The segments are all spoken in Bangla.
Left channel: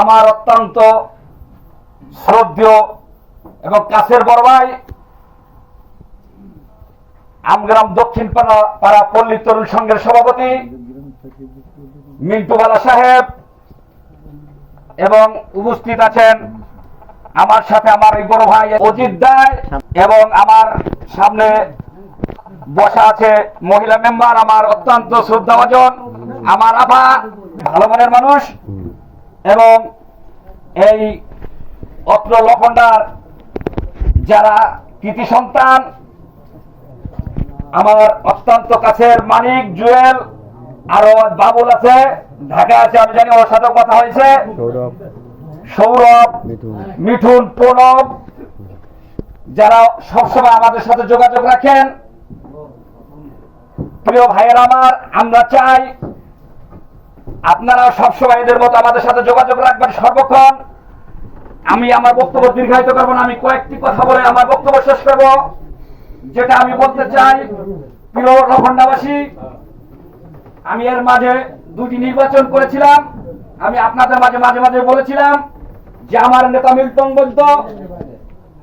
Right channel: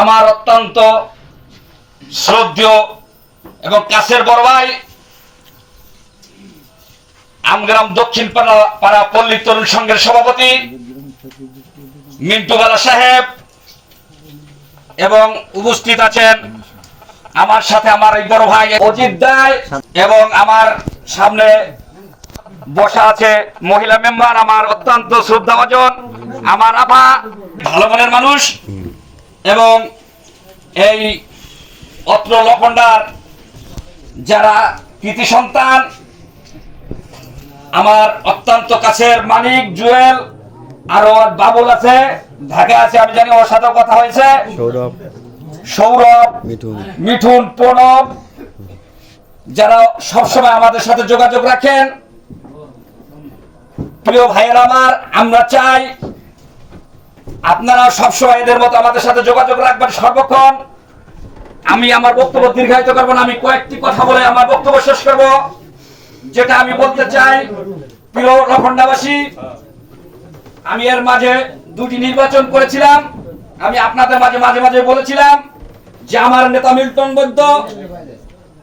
আমার অত্যন্ত শ্রদ্ধেয় এবং কাছের বড় ভাই, আমগ্রাম দক্ষিণ পাড়া পাড়া পল্লী তরুণ সংঘের সভাপতি, মিন্টু বালা সাহেব এবং উপস্থিত আছেন আমার সাথে আমার এই বড় ভাই অজিত দায় এবং আমার সামনে বসা আছে মহিলা মেম্বার, আমার অত্যন্ত শ্রদ্ধা শ্রদ্ধাভাজন, আমার আপা, ভালো মনের মানুষ। এবং এই অত্র লখন্ডার যারা কৃতি সন্তান আমার অত্যন্ত কাছের মানিক জুয়েল আরও বাবুল আছে ঢাকা আছে আমি জানি ওর সাথে কথা হয়েছে। সৌরভ মিঠুন প্রণব যারা সবসময় আমাদের সাথে যোগাযোগ রাখেন। প্রিয় ভাইয়ের আমার আমরা চাই আপনারা সবসময় এদের মতো আমাদের সাথে যোগাযোগ রাখবেন সর্বক্ষণ। আমি আমার বক্তব্য দীর্ঘায়িত করব না, আমি কয়েকটি কথা বলে আমার বক্তব্য শেষ করব। যেটা আমি বলতে চাই, প্রিয় লখন্ডাবাসী আমি এর মাঝে দুটি নির্বাচন করেছিলাম। আমি আপনাদের মাঝে মাঝে মাঝে বলেছিলাম যে আমার নেতা মিল্টন বৈদ্য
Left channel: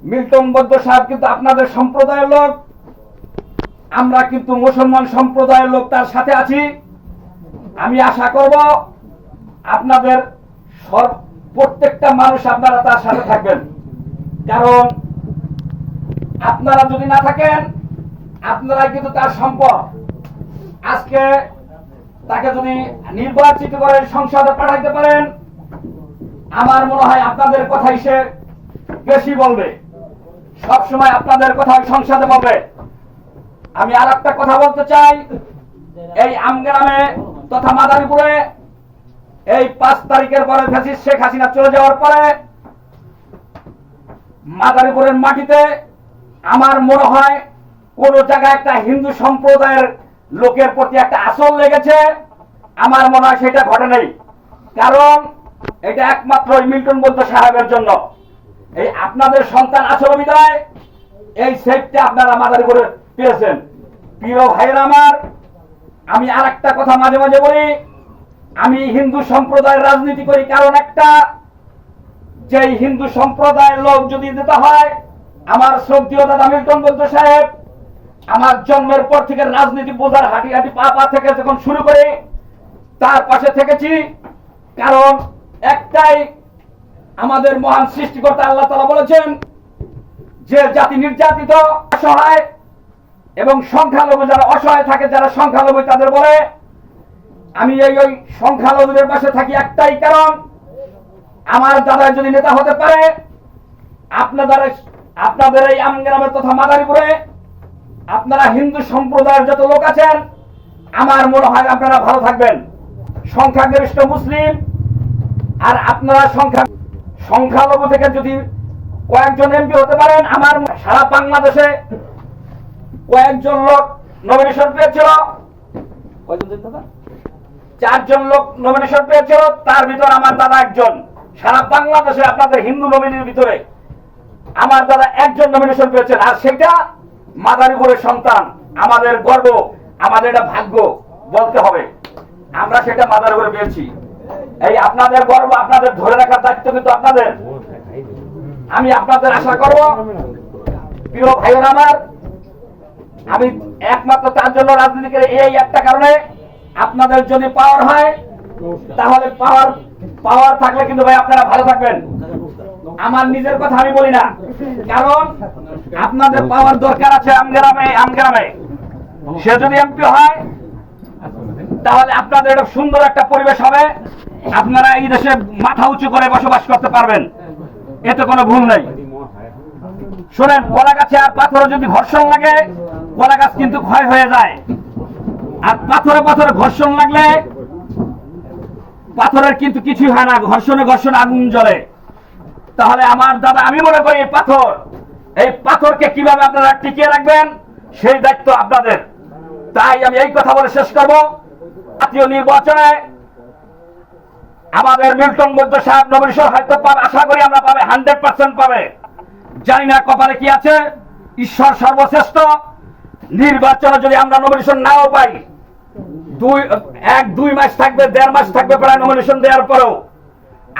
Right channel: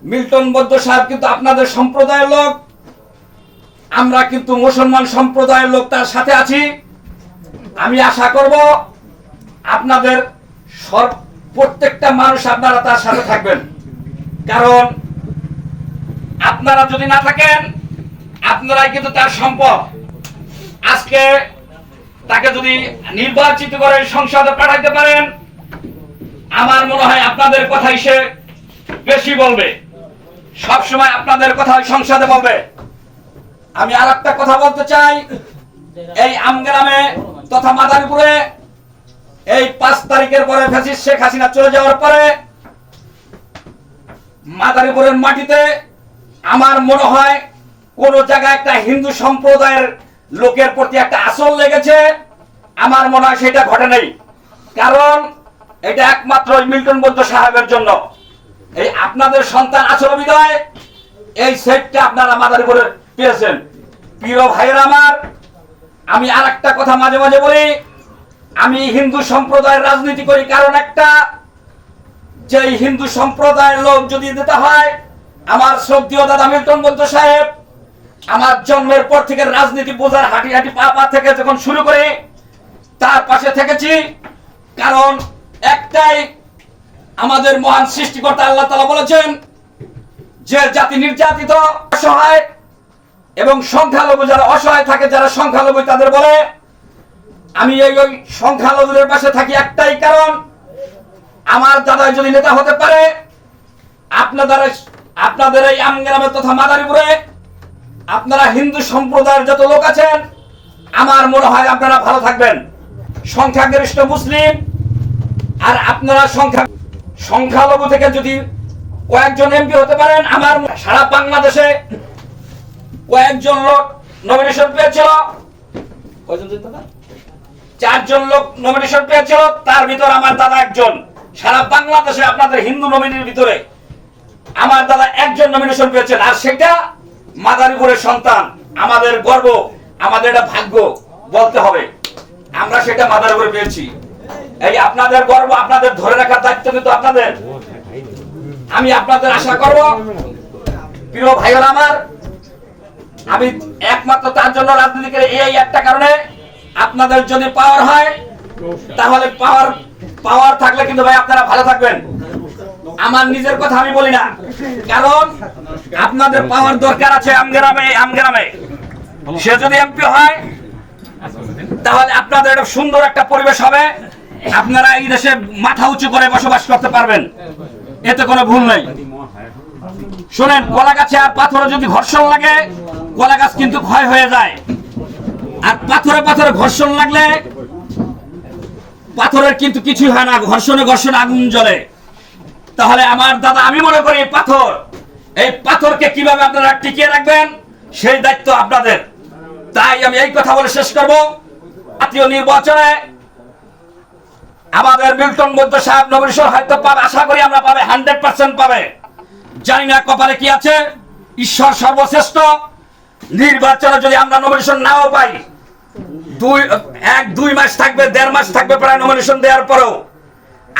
মিল্টন বৈদ্য সাহেব কিন্তু আপনাদের সম্প্রদায়ের লোক। আমরা কিন্তু মুসলমান সম্প্রদায়ের লোক, তার সাথে আছি। আমি আশা করব আপনাদের সর- প্রত্যেকটা মানুষ আপনারা তার সাথে থাকবেন। কারণ আপনারা যদি না থাকেন, আপনারাই কিন্তু তার সম্পদ। আজকে তাকে যদি নির্বাচিত করে সংসদে পাঠাইতে পারেন, আমার মনে হয় আপনাদের কথাই সে বেশি বলবে। সব সময় আপনাদের কথা সংসদে বলবে। আমি আর একটা কথা বলতে চাই। এই আমগ্রামে তথা মাদারীপুরে এই পাঁচ তারিখের পরে ফ্যাসিস্ট শেখ হাসিনা চলে যাওয়ার পরে মাদারীপুরের মাটিতে আমার মনে হয় কোন জায়গায় একটা হিন্দু সম্প্রদায়ের লোকের প্রতি একটা আসল লেগেছে। আমার মনে হয় সেটা ঘটে নাই। কারণ এটা একমাত্র মিল্টন বৌদ্ধ সাহেবের জন্য। এই আপনাদের সন্তান আসল বিদায়। এই সেটটা আপনারা মাদারীপুরে পেয়েছেন। প্রিয় ভাইয়ের আমার আমি আর একটা কথা মাঝে মাঝে বলি। আমি হিন্দু সম্প্রদায়ের রাজনীতি করি, কারণ একটা যে হিন্দু সম্প্রদায়ের লোক যদি দিতে হয়, আমার শ্রদ্ধীয় দাদা মিল্টন বৌদ্ধ সাহেব, আমার জন্মের পর থেকে রাজনীতি বোঝার হাঁটি হাঁটি পা পা থেকে যখন শুরু করে, তার পাশে থেকেছি। কারণ একটাই আমাদের মহান সৃষ্টিকর্তা আল্লাহ তালা বলেছেন, যে জাতি নির্যাতিত, অসহায় এবং সংখ্যালঘু যারা অসহায় থাকে, যারা সংখ্যালঘু, তাদের বলে, আমি এই ওই সংখ্যালঘুদের পাশে থাকি একটাই কারণ, আমার দাদা যদি নেতা হতে পারে, আপনাদের আপনাদের এই আমগ্রামে তথা মাদারীপুরে আপনারা হিন্দু সম্প্রদায়ের যত লোক আছেন, আমার মনে হয় আপনারা ভালো থাকবেন। সংখ্যাগরিষ্ঠ মুসলিম, আর আপনারা সংখ্যা, সংখ্যালঘু থেকে যদি কয়েকজন এমপি হতে পারেন, আমার সারা বাংলাদেশে কয়েকজন লোক নমিনেশন পেয়েছিল। কয়জন দাদা? চারজন লোক নমিনেশন পেয়েছিল, তার ভিতর আমার দাদা একজন। সারা বাংলাদেশে আপনাদের হিন্দু নমিনির ভিতরে আমার দাদা একজন নমিনেশন পেয়েছেন। আর সেটা মাদারীপুরের সন্তান, আমাদের গর্ব, আমাদের এটা ভাগ্য বলতে হবে। আমরা সেটা মাদারীপুরে পেয়েছি। এই আপনাদের গর্ব, আপনাদের ধরে রাখার দায়িত্ব কিন্তু আপনাদের। আমি আপনাদের আশা করব, প্রিয় ভাইয়েরা আমার আমি একমাত্র তার জন্য রাজনীতি করে এই একটা কারণে আপনাদের যদি পাওয়ার হয়, তাহলে পাওয়ার পাওয়ার থাকলে কিন্তু ভাই আপনারা ভালো থাকবেন। আমার নিজের কথা আমি বলি না। কারণ আপনাদের পাওয়ার দরকার আছে আমগ্রামে আমগ্রামে সে যদি এমপি হয়, তাহলে আপনাদের একটা সুন্দর একটা পরিবেশ হবে। আপনারা এই দেশে মাথা উঁচু করে বসবাস করতে পারবেন। এতে কোনো ভুল নেই। শোনেন কলা গাছে আর পাথরে যদি ঘর্ষণ লাগে কলা গাছ কিন্তু ক্ষয় হয়ে যায়। আর পাথরে পাথরে ঘর্ষণ লাগলে পাথরের কিন্তু কিছুই হয় না, ঘর্ষণে ঘর্ষণে আগুন জ্বলে। তাহলে আমার দাদা, আমি মনে করি পাথর, এই পাথরকে কীভাবে আপনারা টিকিয়ে রাখবেন, সেই দায়িত্ব আপনাদের। তাই আমি এই কথা বলে শেষ করব। জাতীয় নির্বাচনে আমাদের মিল্টন মধ্য সাহেব নবরেশ্বর হয়তো পাবে, আশা করি আমরা পাবে হান্ড্রেড পার্সেন্ট পাবে। জানি না কপালে কি আছে, ঈশ্বর সর্বশ্রেষ্ঠ। নির্বাচনে যদি আমরা নমিনেশন নাও পাই, দুই, এক, দুই মাস থাকবে, দেড় মাস থাকবে প্রায় নমিনেশন দেওয়ার পরেও,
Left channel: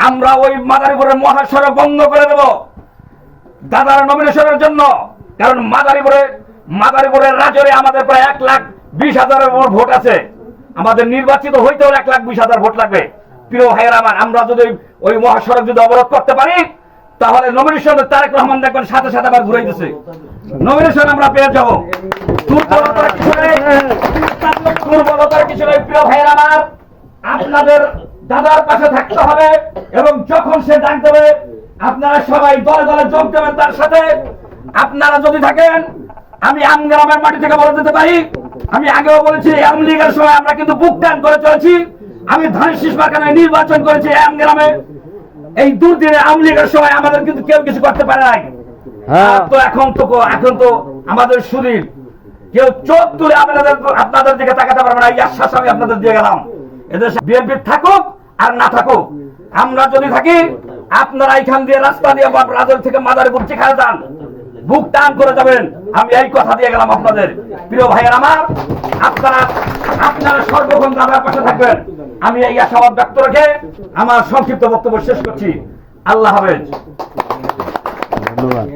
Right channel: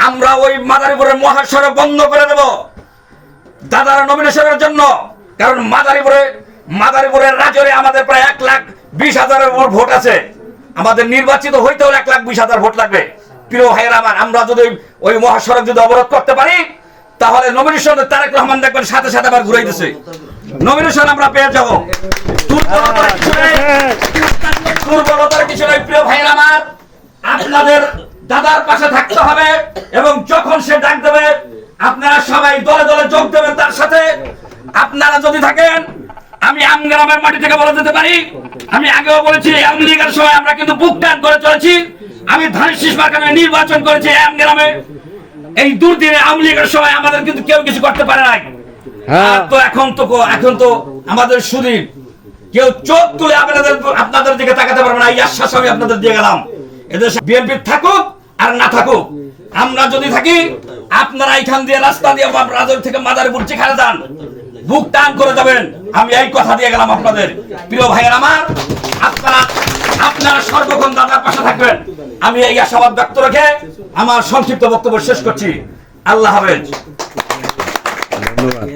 আমরা ওই মাদারীপুরের মহাসড়ক বন্ধ করে দেব দাদার নমিনেশনের জন্য। কারণ মাদারীপুরে, মাদারীপুরের রাজরে আমাদের প্রায় এক লাখ বিশ হাজারের ভোট আছে। আমাদের নির্বাচিত হইতে হলে এক লাখ বিশ হাজার ভোট লাগবে। প্রিয় ভাইয়ের আমার, আমরা যদি ওই মহাসড়ক যদি অবরোধ করতে পারি তাহলে নমিনেশন তারেক রহমান দেখবেন সাথে সাথে আবার ঘুরাই দিছে। নমিনেশন আমরা পেয়ে যাব। দুর্বলতার কিছু দুর্বলতার কিছু প্রিয় ভাইয়ের আমার, আপনাদের দাদার পাশে থাকতে হবে এবং যখন সে ডাক দেবে, আপনারা সবাই দলে দলে যোগ দেবেন তার সাথে। আপনারা যদি থাকেন, আমি আমগ্রামের মাটি থেকে বলে দিতে পারি। আমি আগেও বলেছি আওয়ামী লীগের সময় আমরা কিন্তু বুক টান করে চলেছি। আমি ধানের শীষ নির্বাচন করেছি আমগ্রামে। এই দুর্দিনে আওয়ামী লীগের সময় আমাদের কিন্তু কেউ কিছু করতে পারে নাই। তো এখন তো এখন তো আমাদের সুদীর কেউ চোখ তুলে আপনাদের আপনাদের দিকে তাকাতে পারবে না। এই আশ্বাস আমি আপনাদের দিয়ে গেলাম। এদের বিএনপি থাকুক আর না থাকুক আমরা যদি থাকি আপনারা এইখান দিয়ে রাস্তা দিয়ে রাজল থেকে মাদারীপুর যেখানে যান বুক টান করে যাবেন। আমি এই কথা দিয়ে গেলাম আপনাদের। প্রিয় ভাইয়ের আমার আপনারা আপনারা সর্বক্ষণ দাদার পাশে থাকবেন। আমি এই আশাবাদ ব্যক্ত রেখে আমার সংক্ষিপ্ত বক্তব্য শেষ করছি। আল্লাহ হাফেজ। ধন্যবাদ।